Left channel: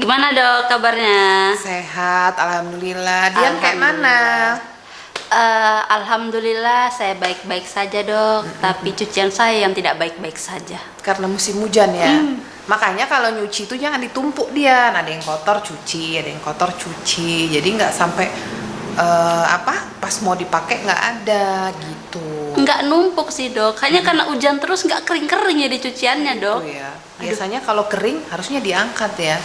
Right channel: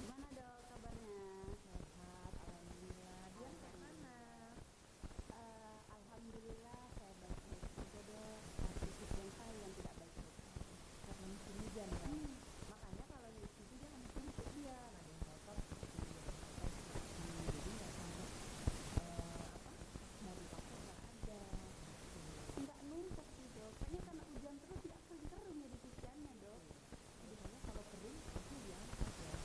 Gimana dok kabarnya? Sehat, alhamdulillah. Dian kayak mana? Alhamdulillah saya baik-baik saja dok. Tapi cucian saya yang tidak baik-baik saja. Karena musim hujan ya. Makanya kalau nyuci itu jangan ditumpuk, Dian. Ada yang kotor cuci, ada yang kotor cuci. Jadi nggak sampai pas mau dipakai nggak ada gitu. Nggak numpuk sih dok. Hanya karena hujan terus nggak kering-kering ya di cuciannya dok. Gitu ya. Biasanya kalau kering harusnya diangkat ya.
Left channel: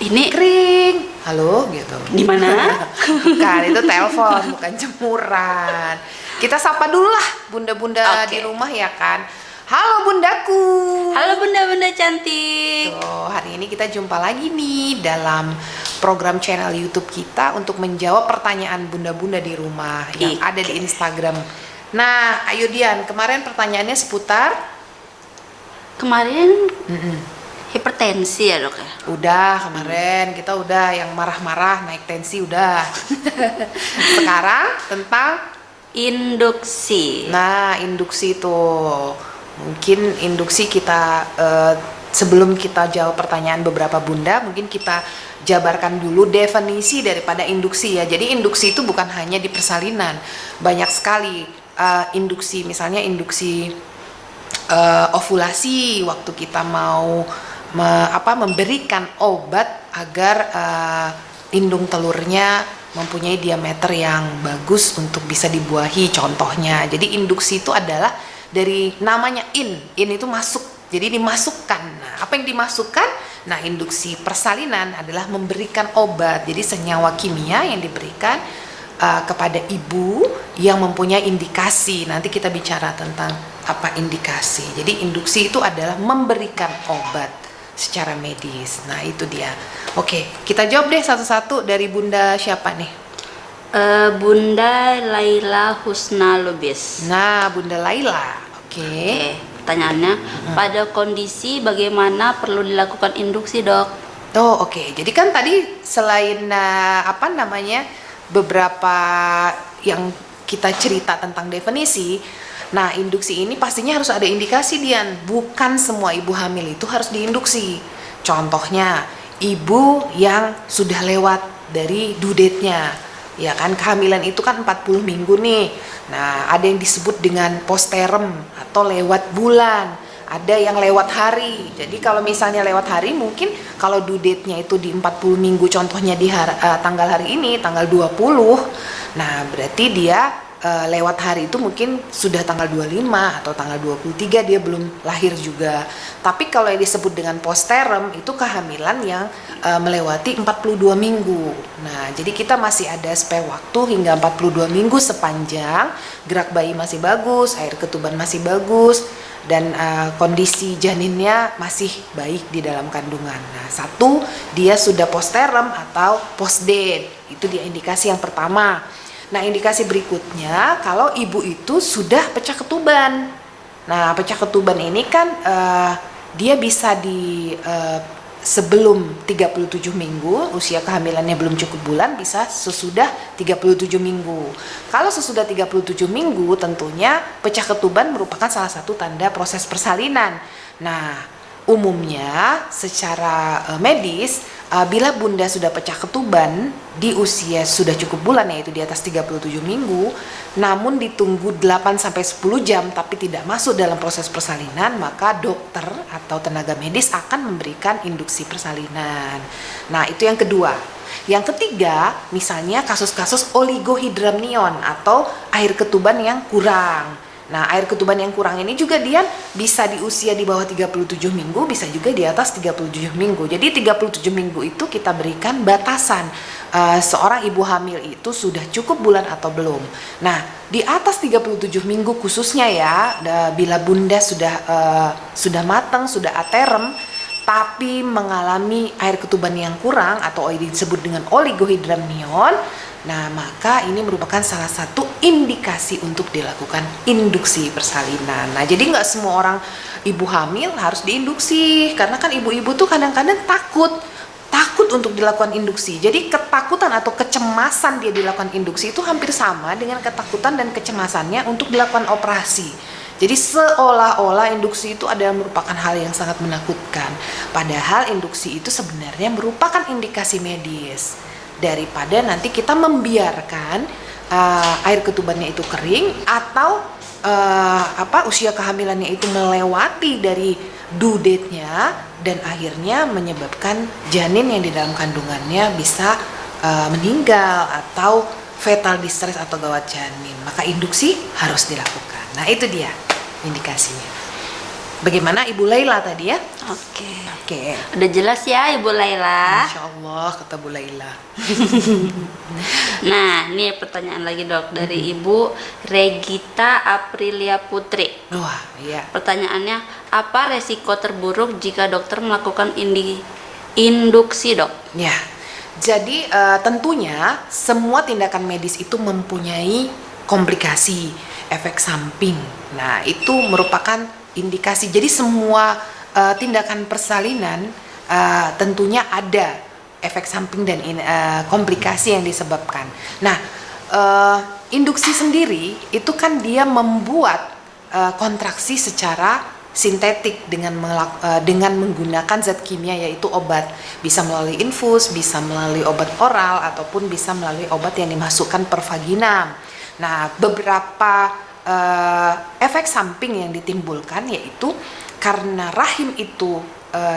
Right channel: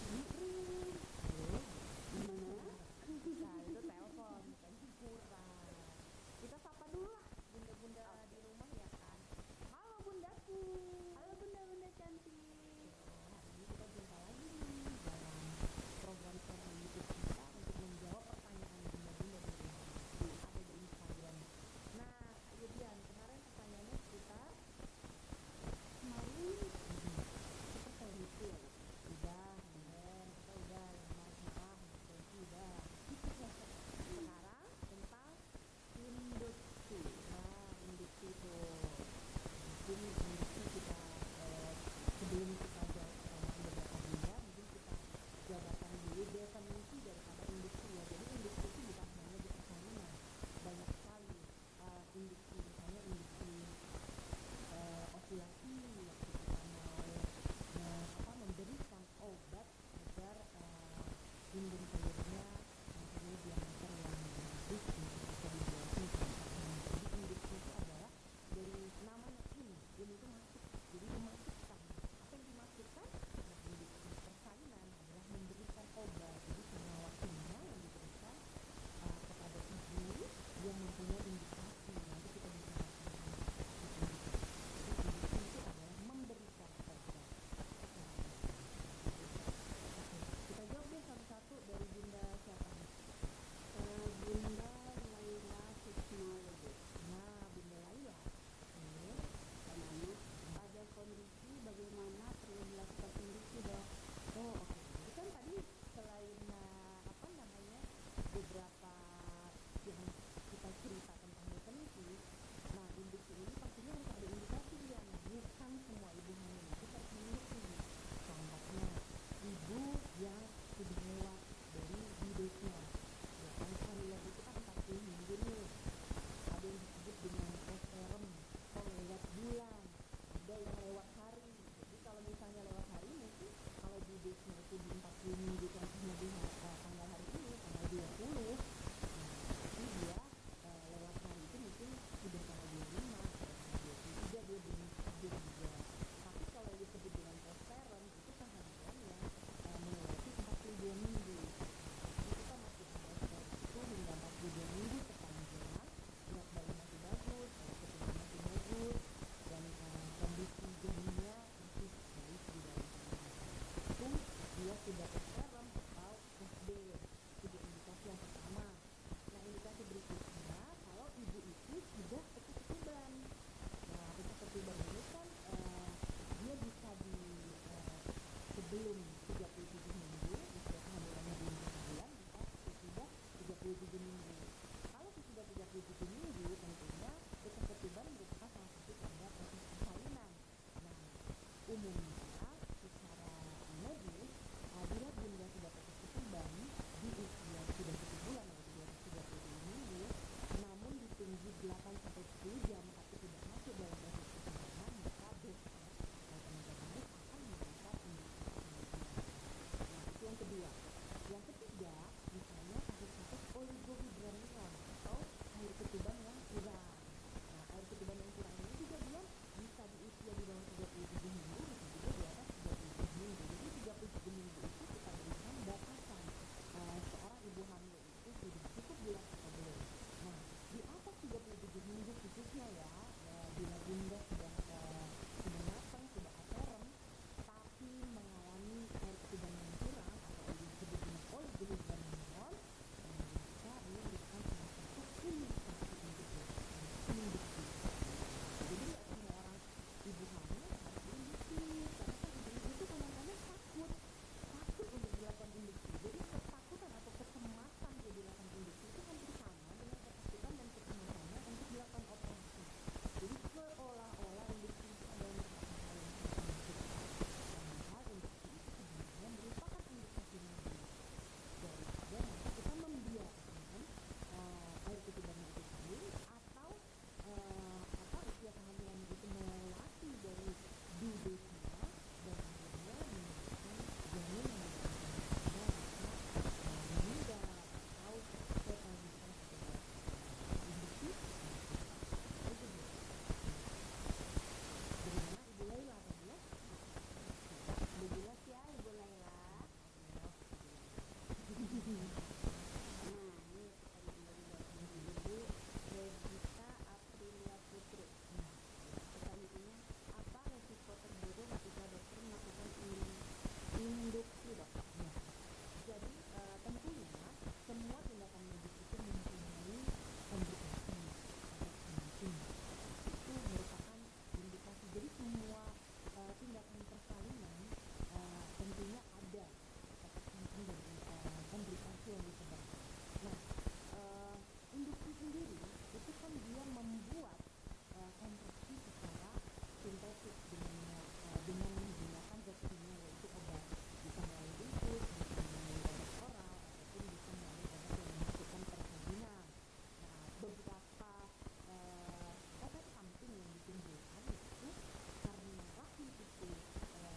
Ini Kering, halo gitu. di mana? Bukan, itu telepon, bukan jemuran. Kita sapa dulu lah bunda-bunda Oke. di rumah ya kan. Halo bundaku. Halo bunda-bunda cantik. Tuh, hari ini kita jumpa lagi nih dalam program channel YouTube kita untuk menjawab pertanyaan bunda-bunda di rumah yang ada di Instagram. Nah, ayo Dian, kemarin pertanyaannya seputar Kemarin hipertensi ya dok ya. udah kemarin kita udah yang marah-marah naik tensi udah. Sekarang tentang Induksi. nah induksi tuh. Mungkin induksi kita sebelum kita jawab pertanyaan beberapa bunda, mungkin kita jabarkan dulu definisi daripada induksi ya. Jadi induksi itu bukan hanya di persalinan, banyak sekali induksi. Misalnya induksi ovulasi, waktu kita mau memberikan obat agar indung telurnya mempunyai diameter yang bagus untuk bisa dibuahi contohnya. Jadi induksi itu adalah dari namanya in itu masuk, jadi dimasukkan. Nah, apa yang dimasukkan? Nah, induksi persalinan adalah memberikan obat, jadi senyawa kimia yang diberikan kepada ibu yang mempunyai indikasi. Nanti kita bicara tentang apa indikasi. Jadi induksi itu adalah memberikan obat secara medis. Nah, itu dia. Oke, kita jawab deh satu-satu dari bunda siapa nih? Bunda Laila Husna Lubis. Nah, bunda Laila. Oke. Oke, pertanyaannya, pada kondisi bagaimana perlu dilakukan induksi dok? Oh, oke. Jadi kan tadi selain beberapa yang kita cerita tentang definisi, nah induksi ini pastinya harus ada indikasi, Dian. Bukan semua ibu hamil itu harus diinduksi. Contohnya, ibu yang sudah lewat dari due date-nya, ya kan, kehamilan itu kan 40 minggu nih. Nah, ada yang disebut dengan postpartum atau lewat bulan, ada yang lewat hari. Jadi kalau misalnya lewat hari, mungkin kalau due date-nya itu di 40 minggu, contohnya di tanggal hari ini, tanggal 20. Nah, berarti dia lewat hari itu mungkin sudah tanggal 25 atau tanggal 23 dia belum lahir juga. Tapi kalau yang disebut dengan postpartum itu kehamilan yang melewati 42 minggu. Nah, jadi kita masih ada spare waktu hingga 42 minggu sepanjang gerak bayi masih bagus, air ketuban masih bagus, dan kondisi janinnya masih baik di dalam kandungan. Nah, satu, dia sudah postpartum atau post date. Itu dia indikasi yang pertama. Nah, indikasi berikutnya kalau ibu itu sudah pecah ketuban. Nah, pecah ketuban ini kan dia bisa sebelum 37 minggu, usia kehamilannya belum cukup bulan, bisa sesudah 37 minggu. Kalau sesudah 37 minggu tentunya pecah ketuban merupakan salah satu tanda proses persalinan. Nah, umumnya secara medis, bila bunda sudah pecah ketuban di usia sudah cukup bulan, yaitu di atas 37 minggu, namun ditunggu 8-10 jam tapi tidak masuk dalam proses persalinan, maka dokter atau tenaga medis akan memberikan induksi persalinan. Nah, itu yang kedua. Yang ketiga, misalnya kasus-kasus oligohidramnion atau air ketuban yang kurang. Nah, air ketuban yang kurang ini juga dia bisa di usia di bawah 37 minggu, bisa juga di atas 37 minggu. Jadi 37 minggu itu kita berikan batasan seorang ibu hamil itu sudah cukup bulan atau belum. Nah, di atas 37 minggu khususnya ya, bila bunda sudah matang, sudah aterem, tapi mengalami air ketuban yang kurang atau disebut dengan oligohidramnion, nah maka ini merupakan salah satu indikasi untuk dilakukan induksi persalinan. Nah, jadi nggak semua orang ibu hamil harus diinduksi, karena kan ibu-ibu tuh kadang-kadang takut untuk dilakukan induksi. Jadi ketakutan atau kecemasan dia dilakukan induksi itu hampir sama dengan ketakutan dan kecemasannya untuk dilakukan operasi. Jadi seolah-olah induksi itu adalah merupakan hal yang sangat menakutkan. Padahal induksi itu sebenarnya merupakan indikasi medis. Daripada nanti kita membiarkan air ketubannya itu kering atau usia kehamilannya itu melewati dari due date-nya dan akhirnya menyebabkan janin yang di dalam kandungannya bisa meninggal atau fetal distress atau gawat janin. Maka induksi harus dilakukan. Nah, itu dia indikasinya. Bagaimana Ibu Laila tadi ya? Oke. Udah jelas ya Ibu Laila. Masya Allah, kata Bu Laila. Nah, ini pertanyaan lagi dok dari Ibu Regita Aprilia Putri. Wah, iya. Pertanyaannya, apa resiko terburuk jika dokter melakukan induksi dok? Ya, jadi tentunya semua tindakan medis itu mempunyai komplikasi, efek samping. Nah, itu merupakan indikasi. Jadi semua tindakan persalinan tentunya ada efek samping dan komplikasi yang disebabkan. Nah, induksi sendiri itu kan dia membuat kontraksi secara sintetik dengan menggunakan zat kimia yaitu obat. Bisa melalui infus, bisa melalui obat oral ataupun bisa melalui obat yang dimasukkan per vaginam. Nah, beberapa efek samping yang ditimbulkan yaitu karena rahim itu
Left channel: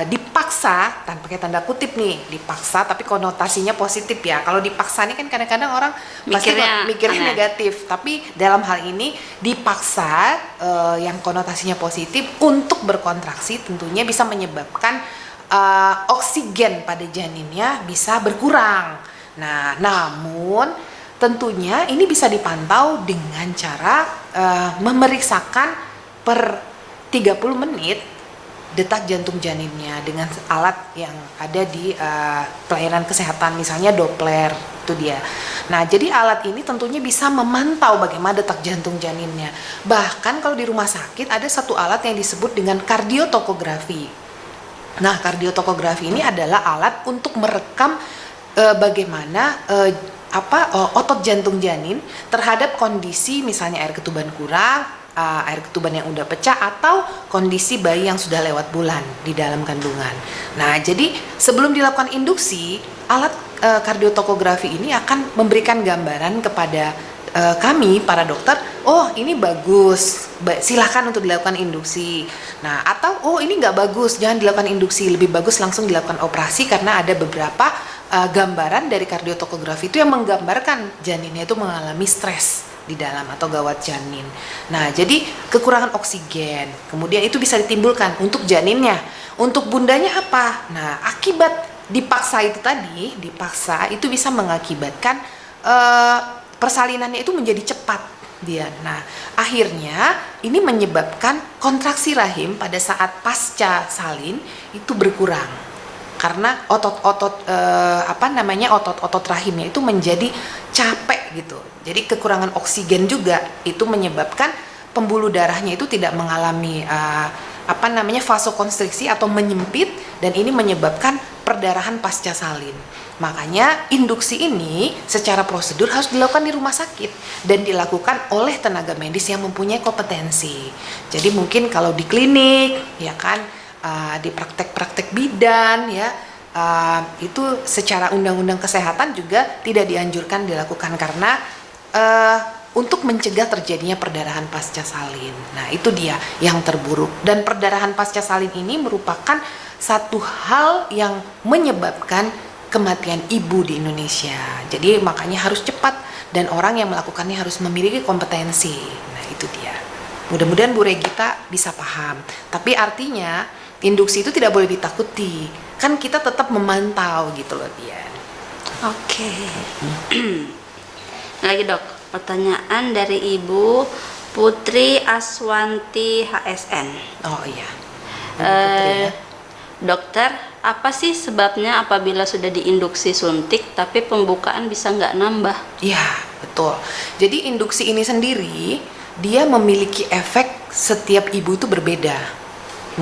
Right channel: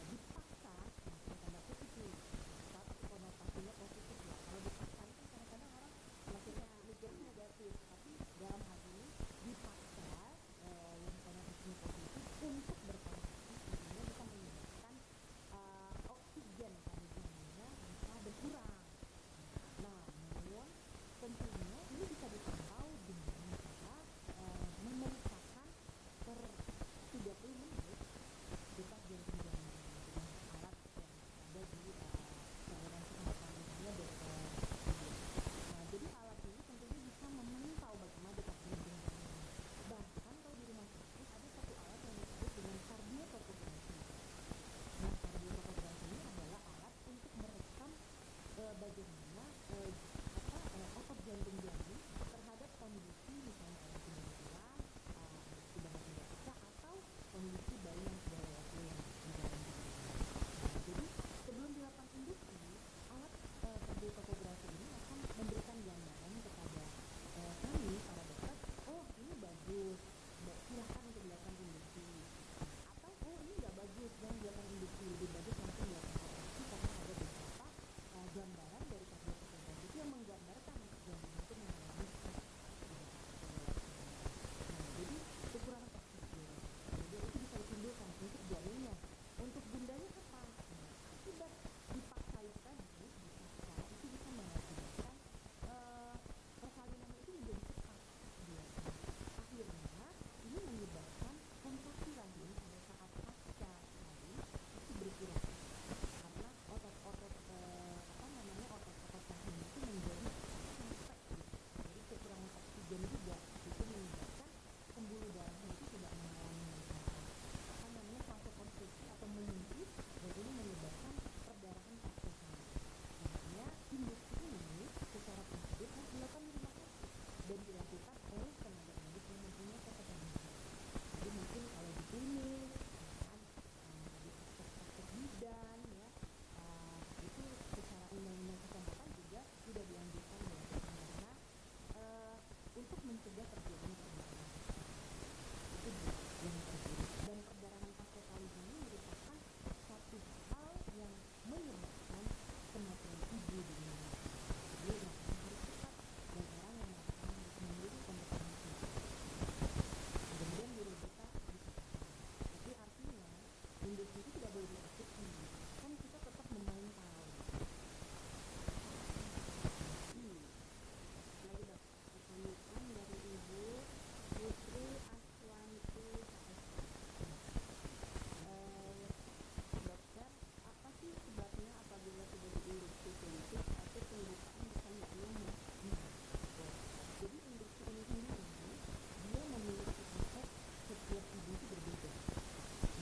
dipaksa, pakai tanda kutip nih, dipaksa tapi konotasinya positif ya. Kalau dipaksa ini kan kadang-kadang orang mikirnya negatif, tapi dalam hal ini dipaksa yang konotasinya positif untuk berkontraksi tentunya bisa menyebabkan oksigen pada janinnya bisa berkurang. Nah, namun tentunya ini bisa dipantau dengan cara memeriksakan per 30 menit detak jantung janinnya dengan alat yang ada di pelayanan kesehatan, misalnya Doppler, itu dia. Nah, jadi alat ini tentunya bisa memantau bagaimana detak jantung janinnya. Bahkan kalau di rumah sakit ada satu alat yang disebut dengan kardiotokografi. Nah, kardiotokografi ini adalah alat untuk merekam bagaimana otot jantung janin terhadap kondisi misalnya air ketuban kurang, air ketuban yang udah pecah atau kondisi bayi yang sudah lewat bulan di dalam kandungan. Nah, jadi sebelum dilakukan induksi, alat kardiotokografi ini akan memberikan gambaran kepada kami para dokter, oh ini bagus, silahkan untuk dilakukan induksi. Nah, atau oh ini nggak bagus, jangan dilakukan induksi, lebih bagus langsung dilakukan operasi karena ada beberapa gambaran dari kardiotokografi itu yang menggambarkan janinnya itu mengalami stres di dalam atau gawat janin. Nah, jadi kekurangan oksigen, kemudian itu bisa ditimbulkan untuk janinnya. Untuk bundanya apa? Nah, akibat dipaksa itu tadi, itu bisa mengakibatkan persalinannya itu menjadi cepat dia. Nah, akhirnya ini menyebabkan kontraksi rahim pada saat pasca salin itu berkurang. Karena otot-otot otot-otot rahimnya itu menjadi capek gitu. Jadi kekurangan oksigen juga itu menyebabkan pembuluh darahnya itu tidak mengalami vasokonstriksi atau menyempit, dan ini menyebabkan perdarahan pasca salin. Makanya induksi ini secara prosedur harus dilakukan di rumah sakit dan dilakukan oleh tenaga medis yang mempunyai kompetensi. Jadi mungkin kalau di klinik ya kan, di praktek-praktek bidan ya, itu secara undang-undang kesehatan juga tidak dianjurkan dilakukan karena untuk mencegah terjadinya perdarahan pasca salin. Nah, itu dia yang terburuk, dan perdarahan pasca salin ini merupakan satu hal yang menyebabkan kematian ibu di Indonesia. Jadi makanya harus cepat dan orang yang melakukannya harus memiliki kompetensi. Nah, itu dia. Mudah-mudahan Bu Regita bisa paham. Tapi artinya induksi itu tidak boleh ditakuti. Kan kita tetap memantau gitu loh dia. Oke. Lagi dok, pertanyaan dari Ibu Putri Aswanti HSN. Oh iya. Dokter, apa sih sebabnya apabila sudah diinduksi suntik tapi pembukaan bisa nggak nambah? Iya, betul. Jadi induksi ini sendiri dia memiliki efek setiap ibu itu berbeda.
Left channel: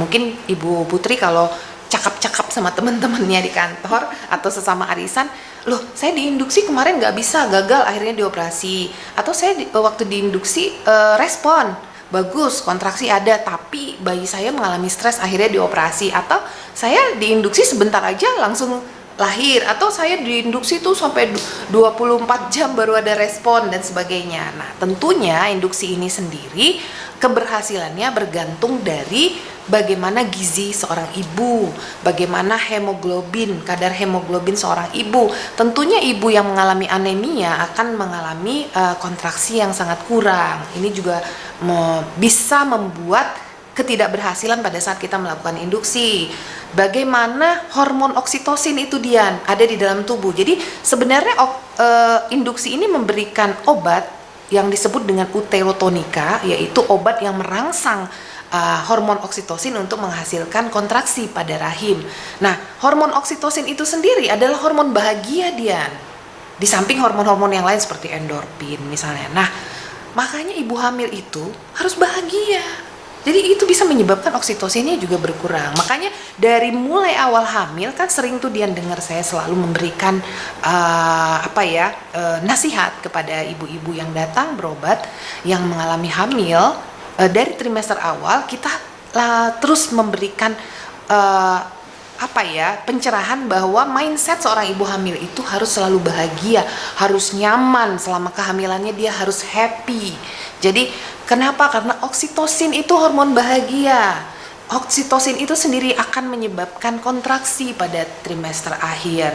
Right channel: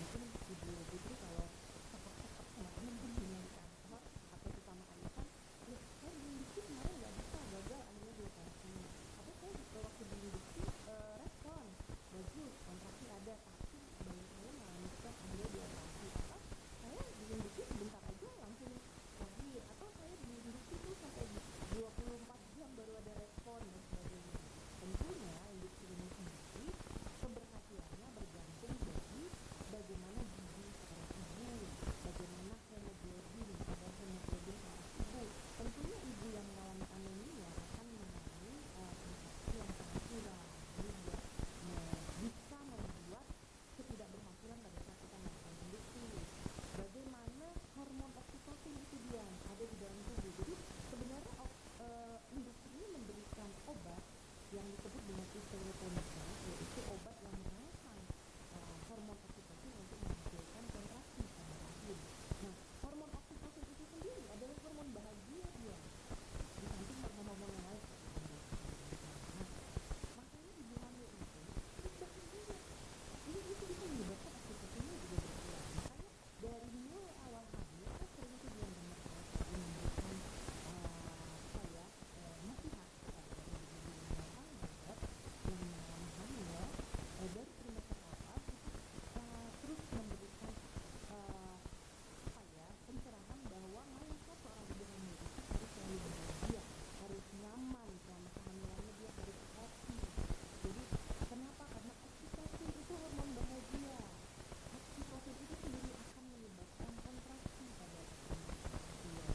Mungkin Ibu Putri kalau cakap-cakap sama teman-temannya di kantor atau sesama arisan, loh saya diinduksi kemarin nggak bisa, gagal akhirnya dioperasi, atau saya waktu diinduksi respon bagus, kontraksi ada, tapi bayi saya mengalami stres akhirnya dioperasi, atau saya diinduksi sebentar aja langsung lahir, atau saya diinduksi tuh sampai 24 jam baru ada respon dan sebagainya. Nah, tentunya induksi ini sendiri keberhasilannya bergantung dari bagaimana gizi seorang ibu, bagaimana hemoglobin, kadar hemoglobin seorang ibu. Tentunya ibu yang mengalami anemia akan mengalami kontraksi yang sangat kurang. Ini juga bisa membuat ketidakberhasilan pada saat kita melakukan induksi. Bagaimana hormon oksitosin itu, Dian, ada di dalam tubuh. Jadi sebenarnya induksi ini memberikan obat yang disebut dengan uterotonika, yaitu obat yang merangsang hormon oksitosin untuk menghasilkan kontraksi pada rahim. Nah, hormon oksitosin itu sendiri adalah hormon bahagia, Dian. Di samping hormon-hormon yang lain seperti endorfin misalnya. Nah, makanya ibu hamil itu harus bahagia. Jadi itu bisa menyebabkan oksitosinnya juga berkurang. Makanya dari mulai awal hamil kan sering tuh Dian dengar saya selalu memberikan nasihat kepada ibu-ibu yang datang berobat yang mengalami hamil. Dari trimester awal kita terus memberikan pencerahan bahwa mindset seorang ibu hamil itu harus selalu bahagia, harus nyaman selama kehamilannya, dia harus happy. Jadi kenapa? Karena oksitosin itu hormon bahagia. Oksitosin itu sendiri akan menyebabkan kontraksi pada trimester akhir.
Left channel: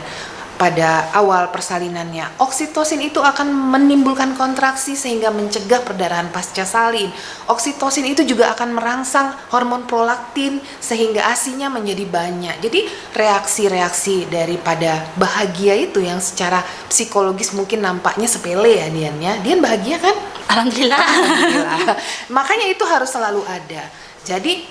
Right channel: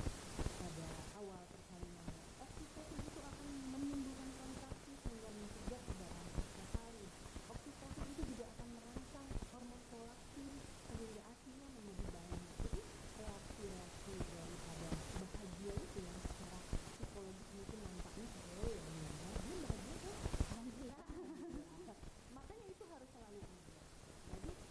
Pada awal persalinannya, oksitosin itu akan menimbulkan kontraksi sehingga mencegah perdarahan pasca salin. Oksitosin itu juga akan merangsang hormon prolaktin sehingga ASI-nya menjadi banyak. Jadi reaksi-reaksi daripada bahagia itu yang secara psikologis mungkin nampaknya sepele ya Dian ya. Dian bahagia kan? Alhamdulillah. Alhamdulillah. Makanya itu harus selalu ada. Jadi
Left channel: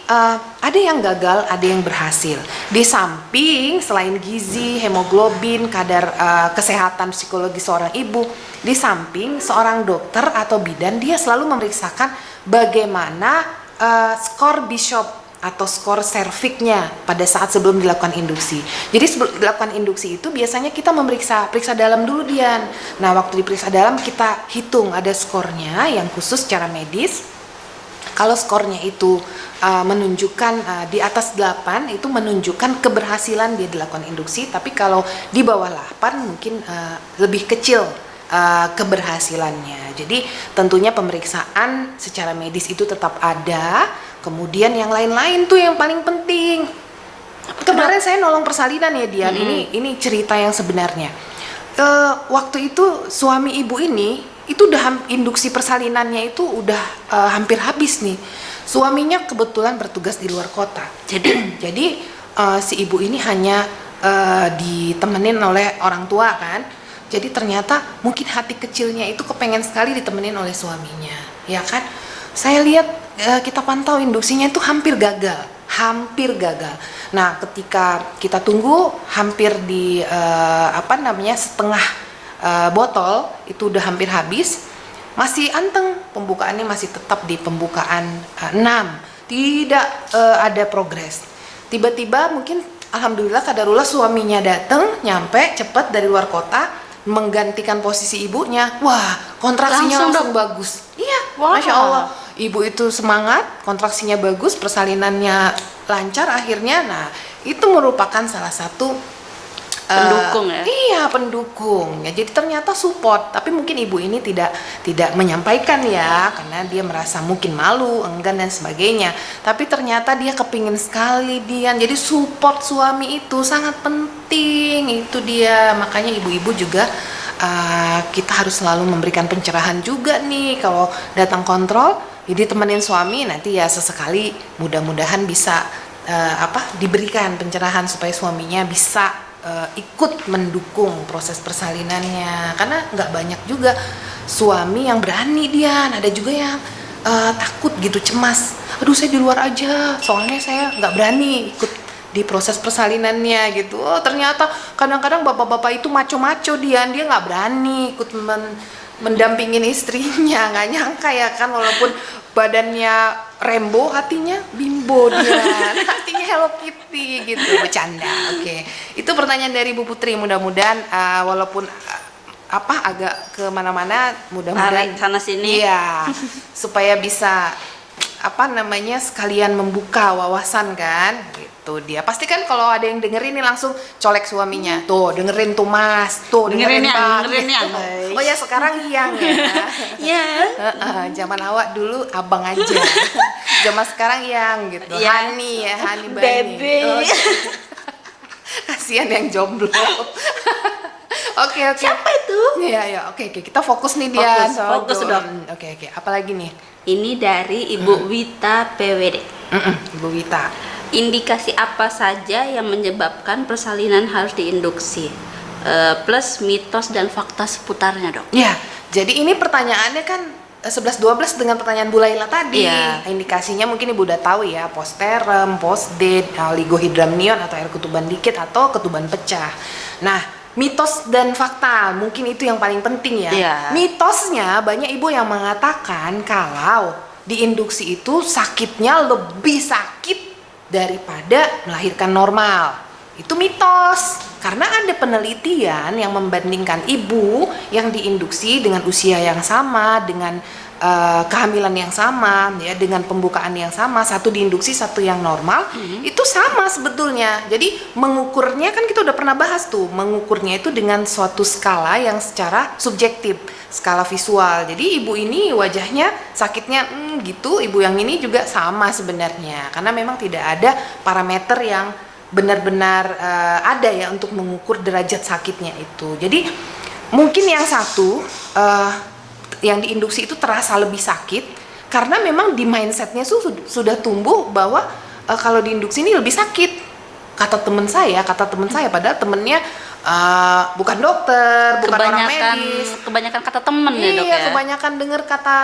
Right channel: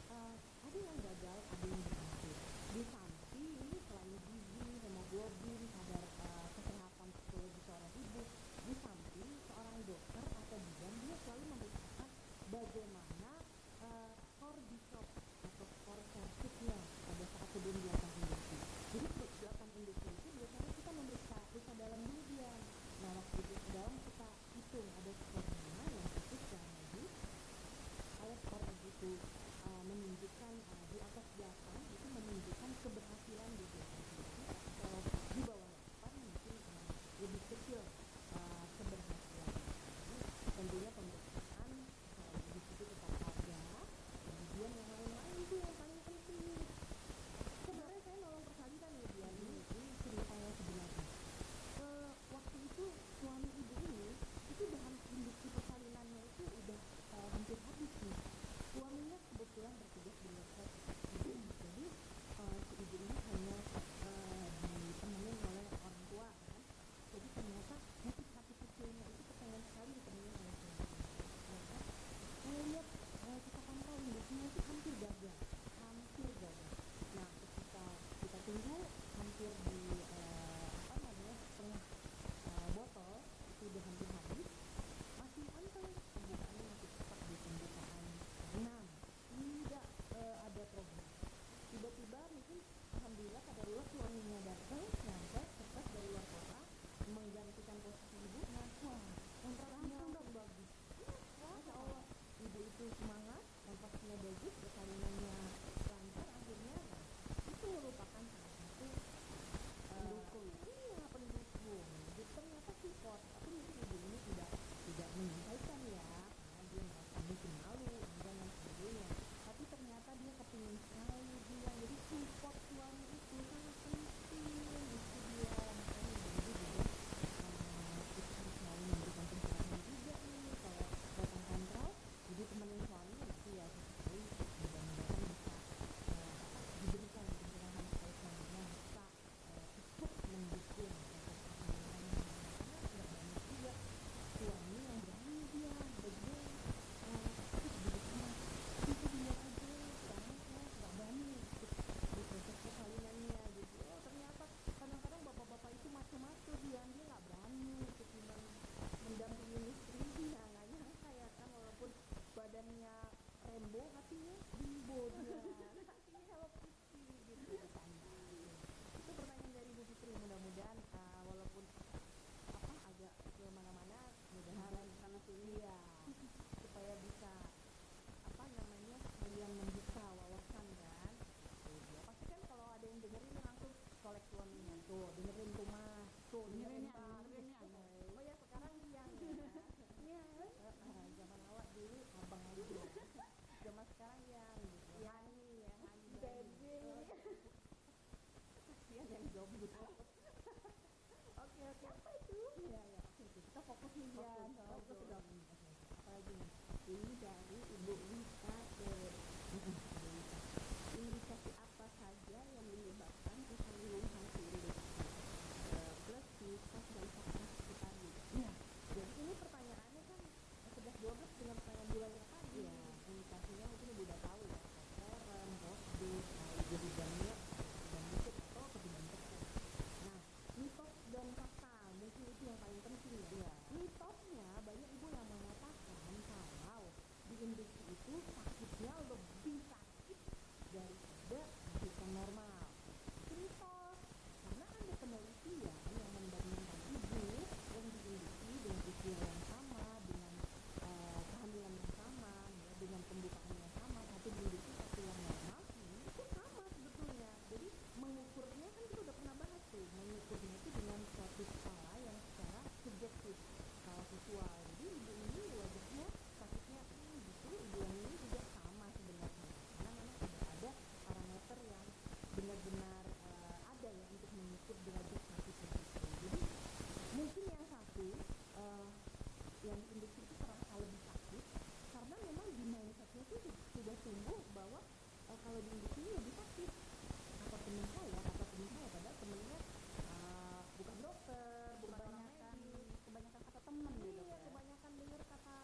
ada yang gagal, ada yang berhasil. Di samping selain gizi, hemoglobin, kadar kesehatan psikologi seorang ibu, di samping seorang dokter atau bidan dia selalu memeriksakan bagaimana skor Bishop atau skor serviknya pada saat sebelum dilakukan induksi. Jadi sebelum dilakukan induksi itu biasanya kita periksa dalam dulu Dian. Nah, waktu diperiksa dalam kita hitung ada skornya yang khusus secara medis. Kalau skornya itu menunjukkan di atas 8 itu menunjukkan keberhasilan dia dilakukan induksi, tapi kalau di bawah 8 mungkin lebih kecil keberhasilannya. Jadi tentunya pemeriksaan secara medis itu tetap ada. Kemudian yang lain-lain tuh yang paling penting. Kemarin saya nolong persalinan ya Dian. Ini cerita yang sebenarnya. Waktu itu suami ibu ini itu udah induksi persalinannya itu udah hampir habis nih. Suaminya kebetulan bertugas di luar kota. Jadi si ibu ini hanya ditemenin oleh orang tua kan. Jadi ternyata mungkin hati kecilnya itu kepengen sekali ditemenin oleh suaminya, ya kan? Saya lihat kita pantau induksinya itu hampir gagal. Nah, ketika kita tunggu hampir di setengah botol itu udah hampir habis, masih anteng, pembukaannya masih tetap di pembukaan 6, tidak ada progres. Tiba-tiba mungkin alhamdulillah kadarullah suaminya datang, nyampe cepet dari luar kota, menggantikan posisi ibunya. Wah, kontraksinya langsung bagus. Iya, wow. Masya Allah, ibu itu semangat, kontraksinya bagus, persalinannya lancar akhirnya. Nah, itu merupakan salah satu pendukung ya. Iya, pendukung. Ya, jadi ternyata support, tapi mungkin ibu ini tidak menyampaikan ya, karena dia merasa mungkin malu, enggan dan sebagainya. Tapi ternyata dia kepingin sekali Dian. Jadi support suami itu sangat penting. Itu dia. Makanya ibu-ibu juga kita harus selalu memberikan pencerahan juga nih kalau datang kontrol. Jadi temenin suami, nanti ya sesekali mudah-mudahan bisa diberikan pencerahan supaya suaminya bisa ikut mendukung proses persalinannya, karena nggak banyak juga suami yang berani Dian, ada juga yang takut gitu, cemas, aduh saya di luar aja soalnya saya nggak berani ikut di proses persalinannya gitu. Oh, ternyata kadang-kadang bapak-bapak itu maco-maco Dian, dia nggak berani ikut mendampingin istrinya, nggak nyangka ya kan, walaupun badannya Rembo, hatinya Bimbo dia, hatinya Hello Kitty gitu, bercanda. Oke. Itu pertanyaan dari Bu Putri. Mudah-mudahan walaupun agak kemana-mana, mudah-mudahan sana sini. Iya, supaya bisa sekalian membuka wawasan kan gitu. Dia pasti kan kalau ada yang dengerin nih langsung colek suaminya, tuh dengerin tuh Mas, tuh dengerin Bang, dengerin yang, gitu. guys. Oh ya sekarang yang ya. Ya. Zaman awak dulu abang aja, zaman sekarang yang gitu. Ya. Hani ya, Hani Bani. Bebe. Oh, kasihan yang jomblo. Oke. Siapa itu? Iya, oke, kita fokus nih dia. Fokus, Dok. Oke, apalagi nih? Ini dari Ibu Wita PWD. Ibu Wita. Indikasi apa saja yang menyebabkan persalinan harus diinduksi? Plus mitos dan fakta seputarnya, Dok. Ya, jadi ini pertanyaannya kan 11-12 dengan pertanyaan Bu Laila tadi. Iya. Indikasinya mungkin Ibu udah tahu ya, posterem, postdate, oligohidramnion atau air ketuban dikit atau ketuban pecah. Nah, mitos dan fakta mungkin itu yang paling penting ya. Iya. Mitosnya banyak ibu yang mengatakan kalau diinduksi itu sakitnya lebih sakit daripada melahirkan normal. Itu mitos. Karena ada penelitian yang membandingkan ibu yang diinduksi dengan usia yang sama, dengan kehamilan yang sama, ya, dengan pembukaan yang sama, satu diinduksi, satu yang normal, itu sama sebetulnya. Jadi mengukurnya kan kita udah pernah bahas tuh, mengukurnya itu dengan suatu skala yang secara subjektif, skala visual. Jadi ibu ini wajahnya sakitnya gitu, ibu yang ini juga sama sebenarnya, karena memang tidak ada parameter yang benar-benar ada ya untuk mengukur derajat sakitnya itu. Jadi mungkin yang satu yang diinduksi itu terasa lebih sakit karena memang di mindsetnya sudah tumbuh bahwa kalau diinduksi ini lebih sakit. Kata teman saya, padahal temennya bukan dokter, bukan orang medis. Kebanyakan kata temen ya, Dok Iya, ya. kebanyakan dengar kata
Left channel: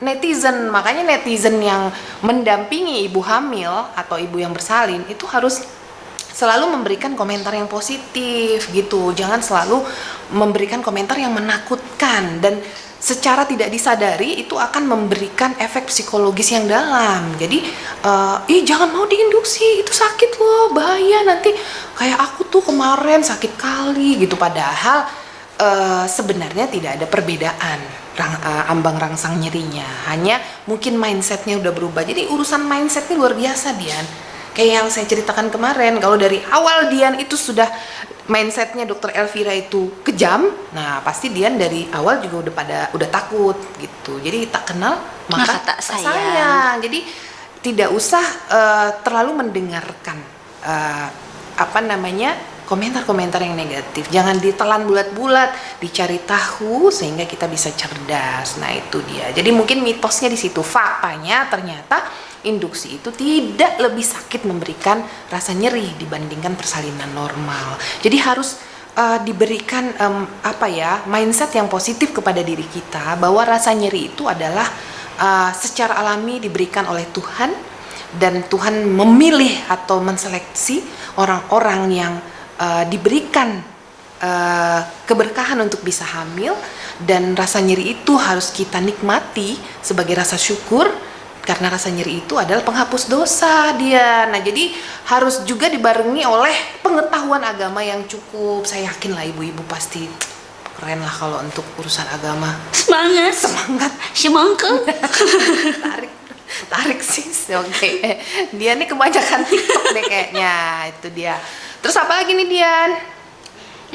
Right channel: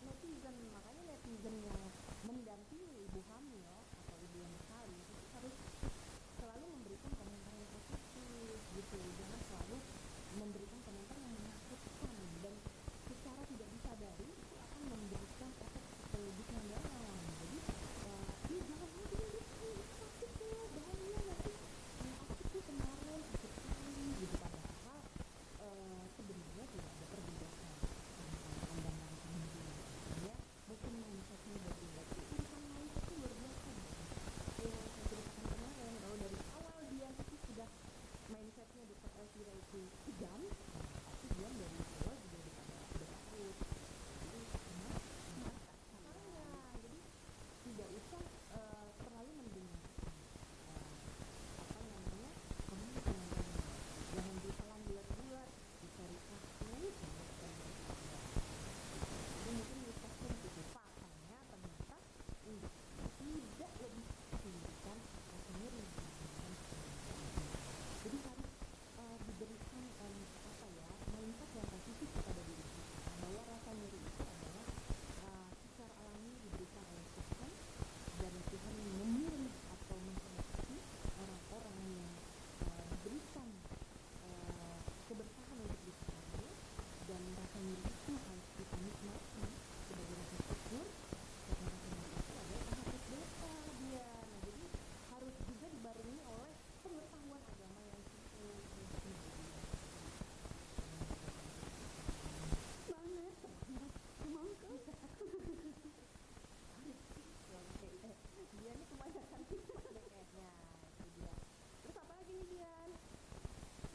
netizen. Makanya netizen yang mendampingi ibu hamil atau ibu yang bersalin itu harus selalu memberikan komentar yang positif gitu. Jangan selalu memberikan komentar yang menakutkan, dan secara tidak disadari itu akan memberikan efek psikologis yang dalam. Jadi jangan mau diinduksi, itu sakit loh, bahaya nanti kayak aku tuh kemarin sakit kali gitu. Padahal sebenarnya tidak ada perbedaan ambang rangsang nyerinya, hanya mungkin mindsetnya udah berubah. Jadi urusan mindset ini luar biasa, Dian. Kayak yang saya ceritakan kemarin, kalau dari awal Dian itu sudah mindsetnya Dokter Elvira itu kejam, nah pasti Dian dari awal juga udah takut gitu. Jadi tak kenal maka tak tak sayang. sayang. Jadi tidak usah terlalu mendengarkan komentar-komentar yang negatif. Jangan ditelan bulat-bulat, dicari tahu sehingga kita bisa cerdas. Nah itu dia. Jadi mungkin mitosnya di situ. Faktanya ternyata induksi itu tidak lebih sakit memberikan rasa nyeri dibandingkan persalinan normal. Jadi harus diberikan mindset yang positif kepada diri kita bahwa rasa nyeri itu adalah secara alami diberikan oleh Tuhan, dan Tuhan memilih atau menseleksi orang-orang yang diberikan keberkahan untuk bisa hamil, dan rasa nyeri itu harus kita nikmati sebagai rasa syukur. Karena rasa nyeri itu adalah penghapus dosa dia. Nah jadi harus juga dibarengi oleh pengetahuan agama yang cukup. Saya yakin lah ibu-ibu pasti keren lah kalau untuk urusan agama. Semangat. Tarik sis. Oke. Dia nih kebanyakan TikTok deh kayaknya. Itu dia. Terus apa lagi nih Dian?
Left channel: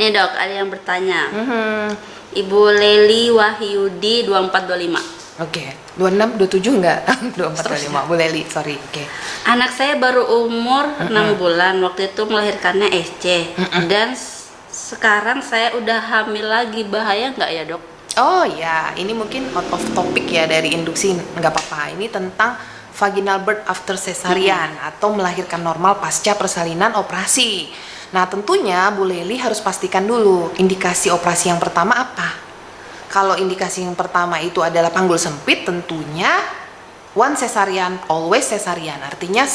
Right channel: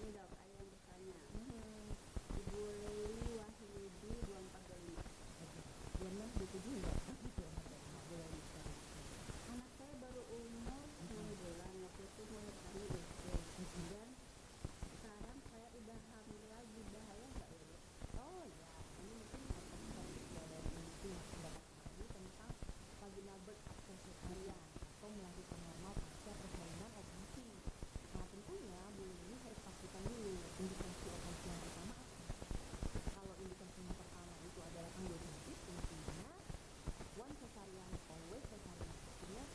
Nih Dok, ada yang bertanya. Ibu Leli Wahyudi 2425. Oke, 26, 27 enggak? 24, 25, Bu Leli, sorry. Oke. Anak saya baru umur 6 bulan, waktu itu melahirkannya SC. Dan sekarang saya udah hamil lagi, bahaya nggak ya Dok? Oh ya, ini mungkin out of topic ya dari induksi, nggak apa-apa. Ini tentang vaginal birth after cesarean atau melahirkan normal pasca persalinan operasi. Nah tentunya Bu Leli harus pastikan dulu indikasi operasi yang pertama apa. Kalau indikasi yang pertama itu adalah panggul sempit, tentunya one cesarean, always cesarean. Artinya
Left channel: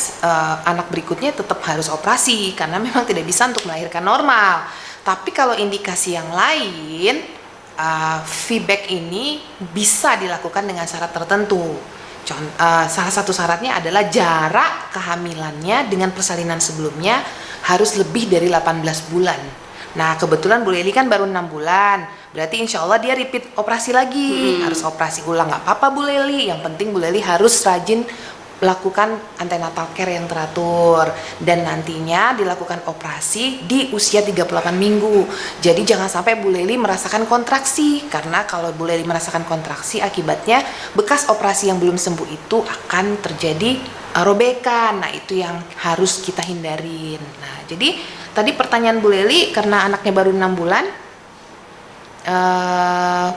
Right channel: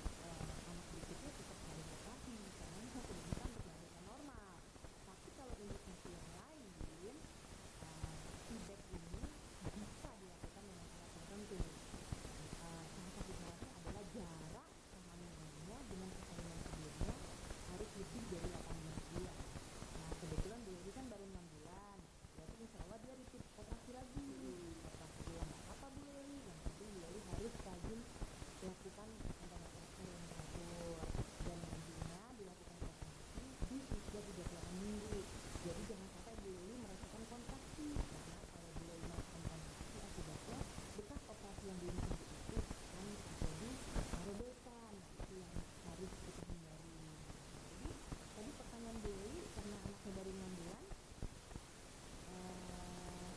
anak berikutnya tetap harus operasi karena memang tidak bisa untuk melahirkan normal. Tapi kalau indikasi yang lain, VBAC ini bisa dilakukan dengan syarat tertentu. Salah satu syaratnya adalah jarak kehamilannya dengan persalinan sebelumnya harus lebih dari 18 bulan. Nah kebetulan Bu Leli kan baru 6 bulan, berarti insya Allah dia repeat operasi lagi, harus operasi ulang. Nggak apa-apa Bu Leli, yang penting Bu Leli harus rajin lakukan antenatal care yang teratur dan nantinya dilakukan operasi di usia 38 minggu. Jadi jangan sampai Bu Leli merasakan kontraksi, karena kalau Bu Leli merasakan kontraksi akibatnya bekas operasi yang belum sembuh itu akan terjadi robekan. Nah, itu yang harus kita hindarin. Nah, jadi tadi pertanyaan Bu Leli, karena anaknya baru 6 bulan,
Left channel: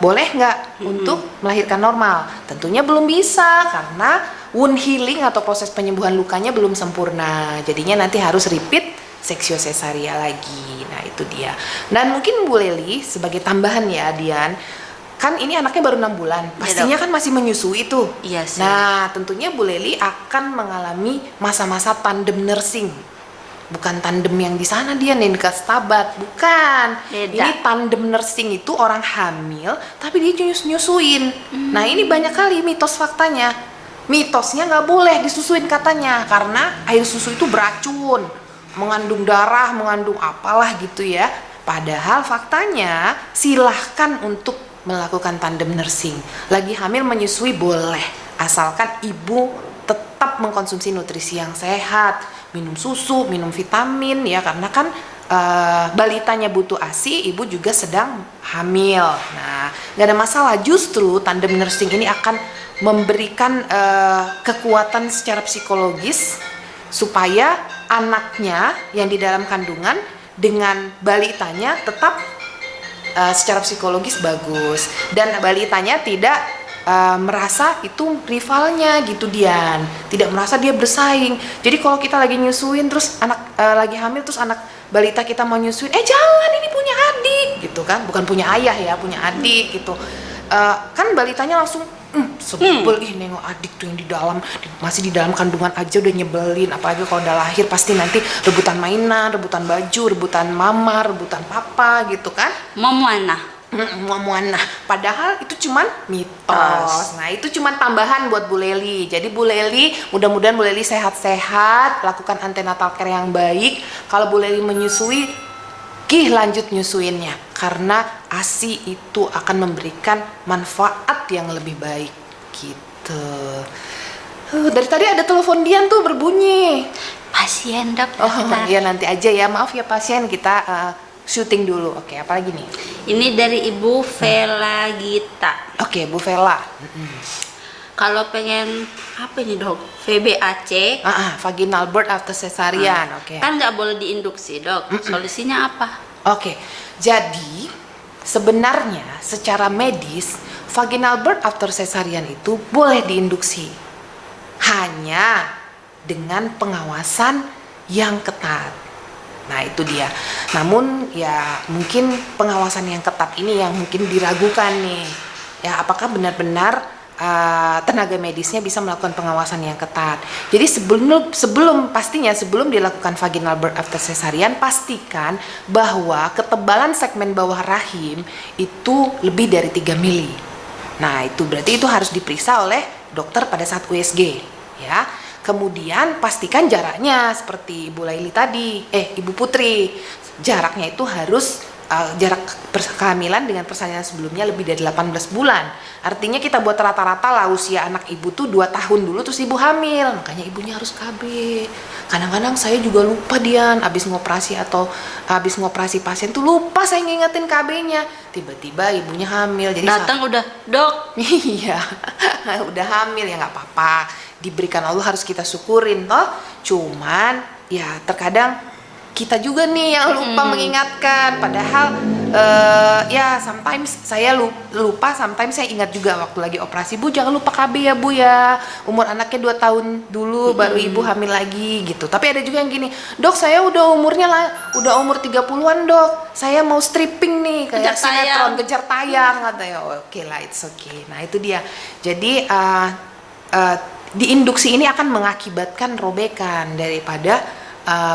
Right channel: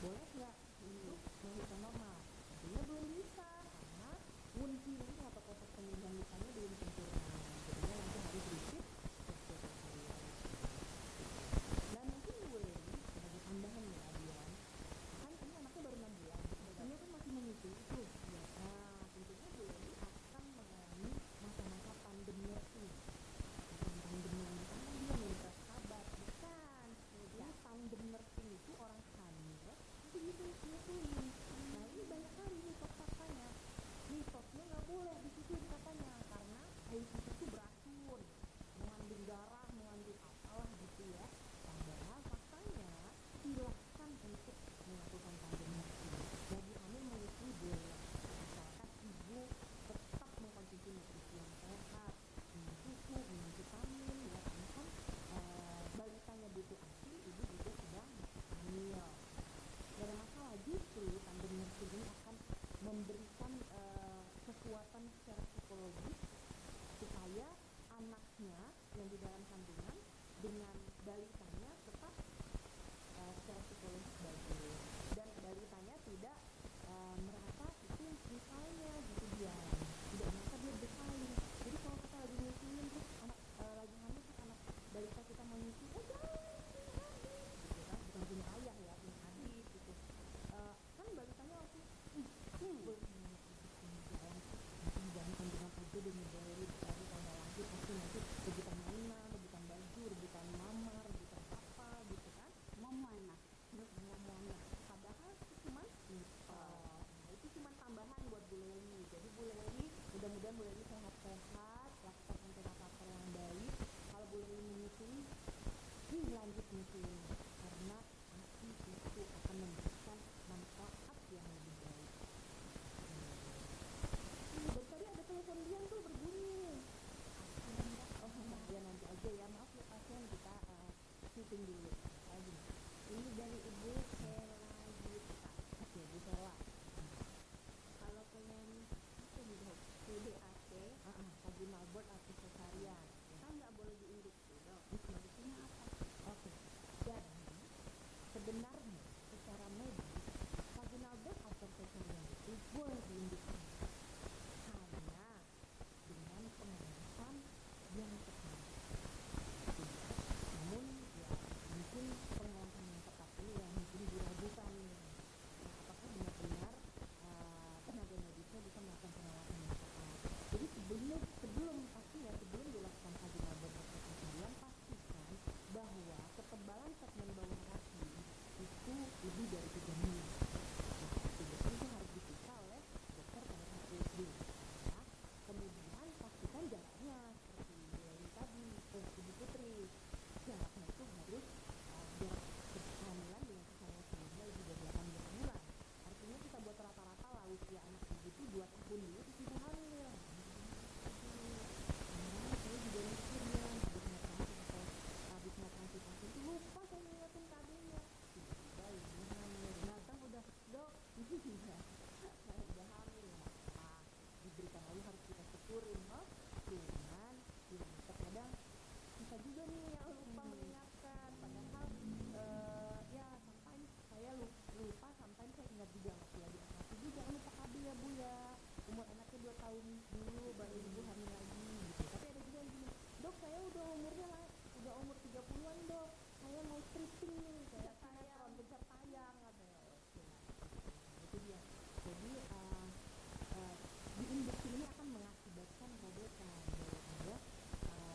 boleh nggak untuk melahirkan normal? Tentunya belum bisa, karena wound healing atau proses penyembuhan lukanya belum sempurna. Jadinya nanti harus repeat seksio cesaria lagi. Nah, itu dia. Dan mungkin Bu Leli sebagai tambahan ya, Dian, kan ini anaknya baru 6 bulan, pastinya kan masih menyusui tuh. Iya sih. Nah, tentunya Bu Leli akan mengalami masa-masa tandem nursing. Bukan tandem yang di sana dia nih dekat Stabat, bukan. Beda. Ini tandem nursing itu orang hamil tapi dia nyusuin. Nah, ini banyak kali mitos faktanya. Mitosnya nggak boleh disusuin katanya, karena air susu itu beracun, mengandung darah, mengandung apalah gitu ya. Padahal faktanya silahkan untuk melakukan tandem nursing. Lagi hamil menyusui boleh, asalkan ibu tetap mengkonsumsi nutrisi yang sehat, minum susu, minum vitamin ya, karena kan balitanya butuh ASI, ibu juga sedang hamil. Nah, nggak ada masalah. Justru tandem nursing ini akan memberikan kekuatan secara psikologis supaya anaknya yang di dalam kandungan dengan balitanya tetap secara psikologis bagus, dan balitanya tidak merasa itu rivalnya gitu, Dian. Tidak merasa dia bersaing. Jadi kalau kita lagi nyusuin terus anak lagi hamil, terus anak balita kita mau nyusuin, jangan, ini punya adik gitu kan, bukan punya ayah ya, punya adik gitu. Kan balitanya langsung sebel, nengok adik tuh yang di dalam, masih di dalam kandungan aja udah nyebelin, apalagi kalau udah lahir pasti nanti rebutan mainan, rebutan baju, rebutan mama, rebutan papa gitu kan. Memuana. Muana. Padahal itu cuman mitos. Nah, itu cuman tambahan buat Bu Leli. Jadi Bu Leli, mudah-mudahan Bu Leli sehat-sehat, lakukan antenatal care yang baik. Kalau Bu Leli menyusui, lanjut nyusuinnya, karena ASI itu akan memberikan manfaat yang lebih baik gitu. Dari tadi ada telepon Dian tuh berbunyi. Pasien, Dok. Iya, nanti aja ya. Maaf ya pasien, kita syuting dulu. Oke, apa lagi nih? Ini dari Ibu Vela Gita. Oke, Bu Vela. Kalau pengen apa ini, Dok? VBAC. Vaginal birth after cesarean. Oke. Kan nggak boleh diinduksi, Dok. Solusinya apa? Oke. Jadi sebenarnya secara medis vaginal birth after cesarean itu boleh diinduksi, hanya dengan pengawasan yang ketat. Nah, itu dia. Namun ya mungkin pengawasan yang ketat ini yang mungkin diragukan nih. Ya, apakah benar-benar tenaga medisnya bisa melakukan pengawasan yang ketat. Jadi sebelum dilakukan vaginal birth after cesarean, pastikan bahwa ketebalan segmen bawah rahim itu lebih dari 3 mili. Nah, itu berarti itu harus diperiksa oleh dokter pada saat USG ya. Kemudian pastikan jaraknya seperti Ibu Laili tadi, Ibu Putri, jaraknya itu harus jarak kehamilan dengan persalinan sebelumnya lebih dari 18 bulan. Artinya kita buat rata-rata lah usia anak ibu tuh 2 tahun dulu terus ibu hamil. Makanya ibunya harus KB. Kadang-kadang saya juga lupa, Dian, habis ngoperasi pasien tuh lupa saya ngingetin KB-nya. Tiba-tiba ibunya hamil. Jadi datang udah, Dok. Iya, udah hamil ya nggak apa-apa. Diberikan Allah harus kita syukurin toh. Cuman ya terkadang kita juga nih yang lupa mengingatkan. Padahal ya sometimes saya lupa, sometimes saya ingat juga waktu lagi operasi. Bu, jangan lupa KB ya, Bu ya. Umur anaknya 2 tahun dulu baru ibu hamil lagi gitu. Tapi ada juga yang gini, Dok, saya udah umur 30-an, Dok. Saya mau stripping nih kayak sinetron, kejar tayang katanya. Oke lah, it's okay. Nah, itu dia. Jadi diinduksi ini akan mengakibatkan robekan daripada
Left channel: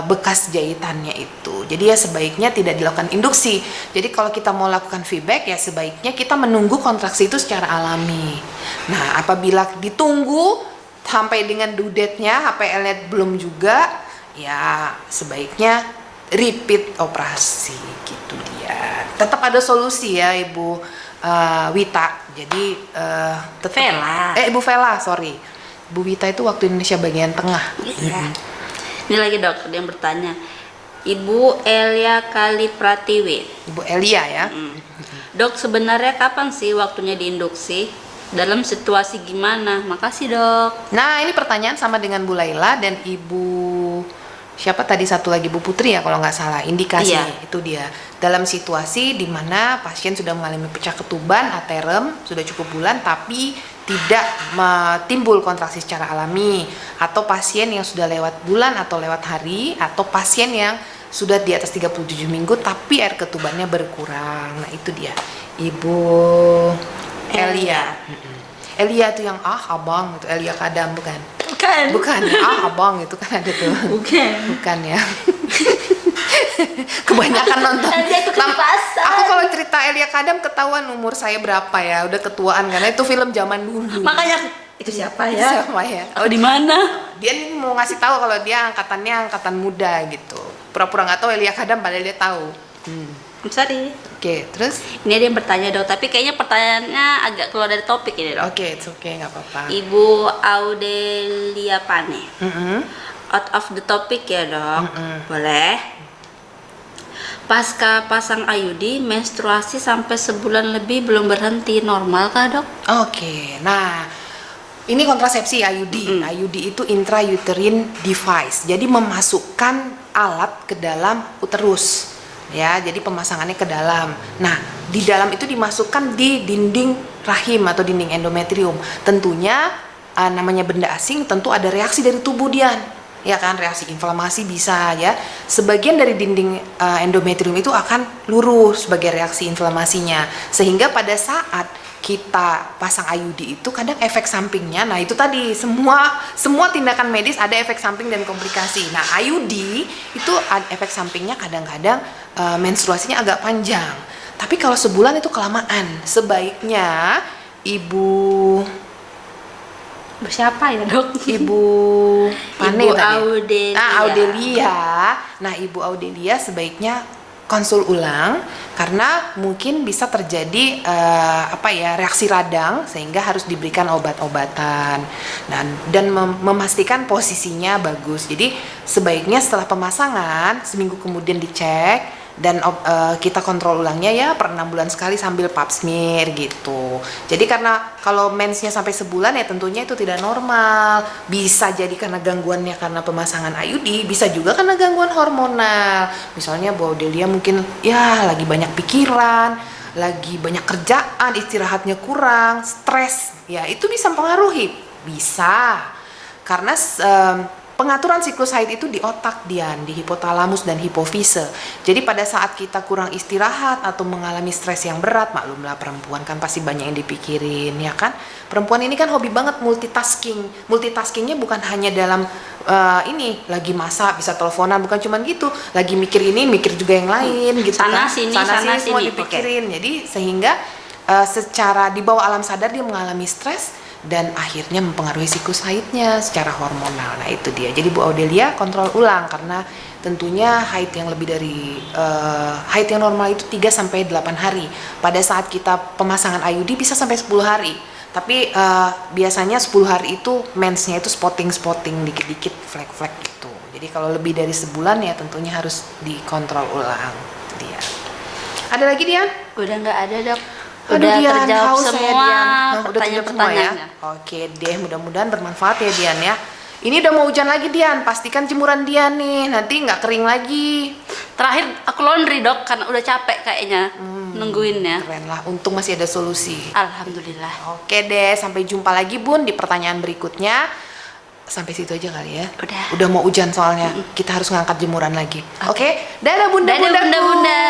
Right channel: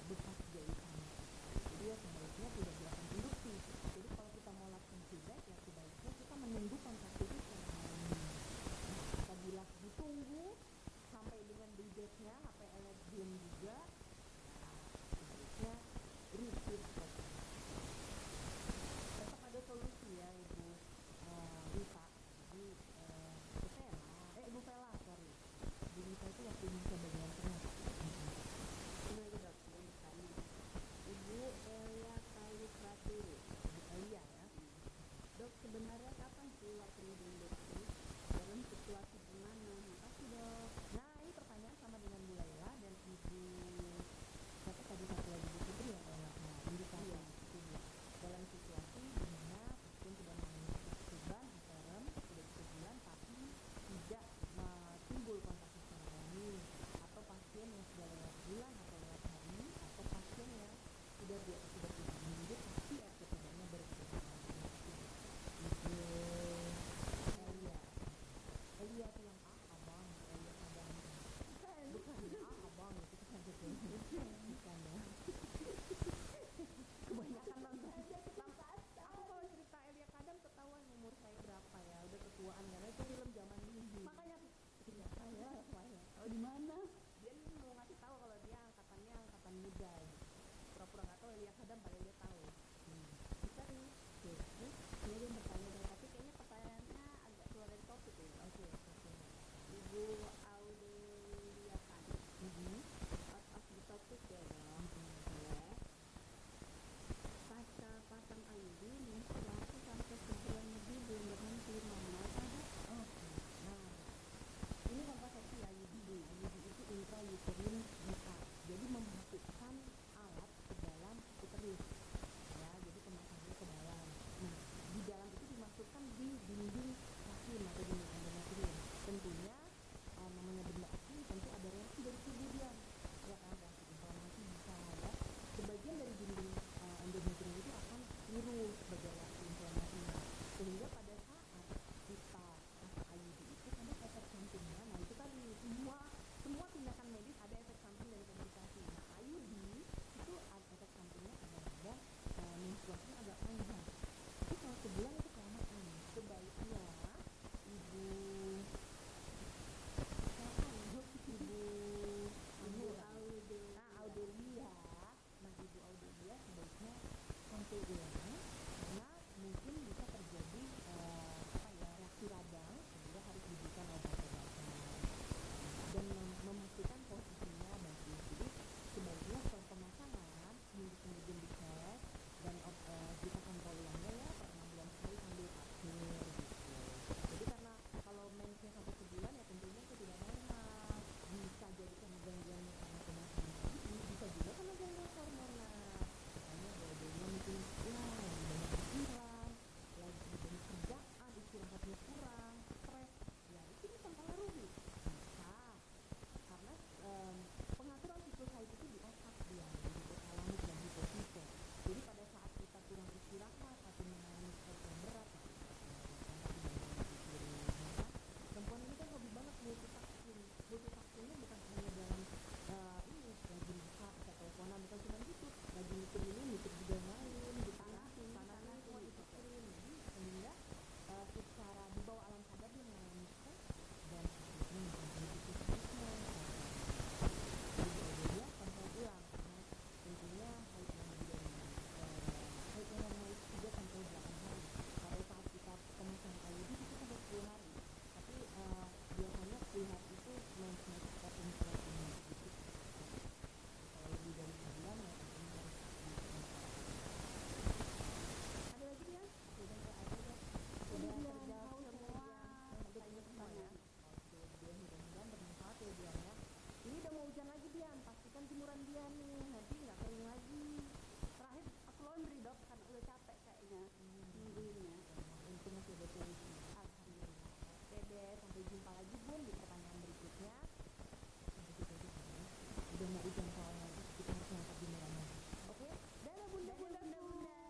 bekas jahitannya itu. Jadi ya sebaiknya tidak dilakukan induksi. Jadi kalau kita mau lakukan VBAC ya sebaiknya kita menunggu kontraksi itu secara alami. Nah, apabila ditunggu sampai dengan due date-nya HPL-nya belum juga, ya sebaiknya repeat operasi gitu dia. Tetap ada solusi ya Ibu Wita. Jadi tetap Vela. Ibu Vela, sorry. Bu Wita itu waktu Indonesia bagian tengah. Iya. Ini lagi dok, ada yang bertanya. Ibu Elia Kali Pratiwi. Ibu Elia ya. Dok, sebenarnya kapan sih waktunya diinduksi? Dalam situasi gimana? Makasih dok. Nah, ini pertanyaan sama dengan Bu Laila dan Ibu siapa tadi satu lagi, Bu Putri ya kalau nggak salah. Indikasi Iya. itu dia. Dalam situasi di mana pasien sudah mengalami pecah ketuban, aterem, sudah cukup bulan tapi tidak timbul kontraksi secara alami, atau pasien yang sudah lewat bulan atau lewat hari, atau pasien yang sudah di atas 37 minggu tapi air ketubannya berkurang. Nah, itu dia. Ibu Elia. Elia itu yang abang itu, Elia Kadam bukan? Bukan ya, abang itu kan ada tuh. Bukan ya. Kebanyakan nonton. Elia itu kepasan. Aku kalau cerita Elia Kadam ketahuan umur saya berapa ya, udah ketuaan karena itu film zaman dulu. Makanya itu siapa ya? Siapa ya? Oh, di mana? Dia nih mau ngasih tahu kalau dia angkatannya angkatan muda gitu. Pura-pura nggak tahu Elia Kadam padahal dia tahu. I'm sorry. Oke, terus? Ini ada yang bertanya dok, tapi kayaknya pertanyaannya agak keluar dari topik ini dok. Oke, it's okay, nggak apa-apa. Ibu Audelia Pane. Mm-mm. Out of the topic ya dok. Mm-mm. Boleh. Pasca pasang IUD, menstruasi sampai sebulan lebih belum berhenti, normal kah dok? Oke, nah ini kontrasepsi IUD. IUD itu intrauterine device. Jadi memasukkan alat ke dalam uterus. Ya, jadi pemasangannya ke dalam. Nah, di dalam itu dimasukkan di dinding rahim atau dinding endometrium. Tentunya namanya benda asing tentu ada reaksi dari tubuh Dian. Ya kan, reaksi inflamasi bisa ya. Sebagian dari dinding endometrium itu akan lurus sebagai reaksi inflamasinya. Sehingga pada saat kita pasang IUD itu kadang efek sampingnya, nah itu tadi semua tindakan medis ada efek samping dan komplikasi. Nah IUD itu efek sampingnya kadang-kadang menstruasinya agak panjang. Tapi kalau sebulan itu kelamaan. Sebaiknya Ibu Siapa ya dok? Ibu Pane Ibu tadi. Audelia. Audelia. Nah, Ibu Audelia sebaiknya konsul ulang karena mungkin bisa terjadi reaksi radang sehingga harus diberikan obat-obatan dan memastikan posisinya bagus. Jadi sebaiknya setelah pemasangan seminggu kemudian dicek dan kita kontrol ulangnya ya per 6 bulan sekali sambil pap smear gitu. Jadi karena kalau mensnya sampai sebulan ya tentunya itu tidak normal. Bisa jadi karena gangguannya karena pemasangan IUD, bisa juga karena gangguan hormonal. Misalnya Bu Audelia mungkin ya lagi banyak pikiran, lagi banyak kerjaan, istirahatnya kurang, stres. Ya itu bisa mempengaruhi. Bisa. Karena pengaturan siklus haid itu di otak Dian, di hipotalamus dan hipofise. Jadi pada saat kita kurang istirahat atau mengalami stres yang berat, maklumlah perempuan kan pasti banyak yang dipikirin, ya kan? Perempuan ini kan hobi banget multitasking. Multitaskingnya bukan hanya dalam ini lagi masak bisa teleponan, bukan cuman gitu. Lagi mikir ini, mikir juga yang lain gitu Sana kan. sini, sana sana semua sini. dipikirin. Jadi sehingga secara di bawah alam sadar dia mengalami stres dan akhirnya mempengaruhi siklus haidnya secara hormonal. Nah itu dia. Jadi Bu Audelia kontrol ulang karena tentunya haid yang lebih dari haid yang normal itu 3-8 hari. Pada saat kita pemasangan IUD bisa sampai 10 hari. Tapi biasanya 10 hari itu mensnya itu spotting dikit-dikit flek-flek gitu. Jadi kalau lebih dari sebulan ya tentunya harus dikontrol ulang. Dia. Ada lagi Dian? Udah nggak ada dok. Aduh, Udah Dian, terjawab haus saya, semua Dian. Udah terjawab semua ya. pertanyaan-pertanyaannya. Oke deh, mudah-mudahan bermanfaat ya Dian ya. Ini udah mau hujan lagi Dian, pastikan jemuran Dian nih, nanti nggak kering lagi. Terakhir aku laundry dok, karena udah capek kayaknya nungguinnya. Keren lah, untung masih ada solusi. Alhamdulillah. Oke deh, sampai jumpa lagi Bun di pertanyaan berikutnya. Sampai situ aja kali ya. Udah. Mau hujan soalnya, kita harus ngangkat jemuran lagi. Oke, dadah Dadah bunda-bundaku. bunda-bunda.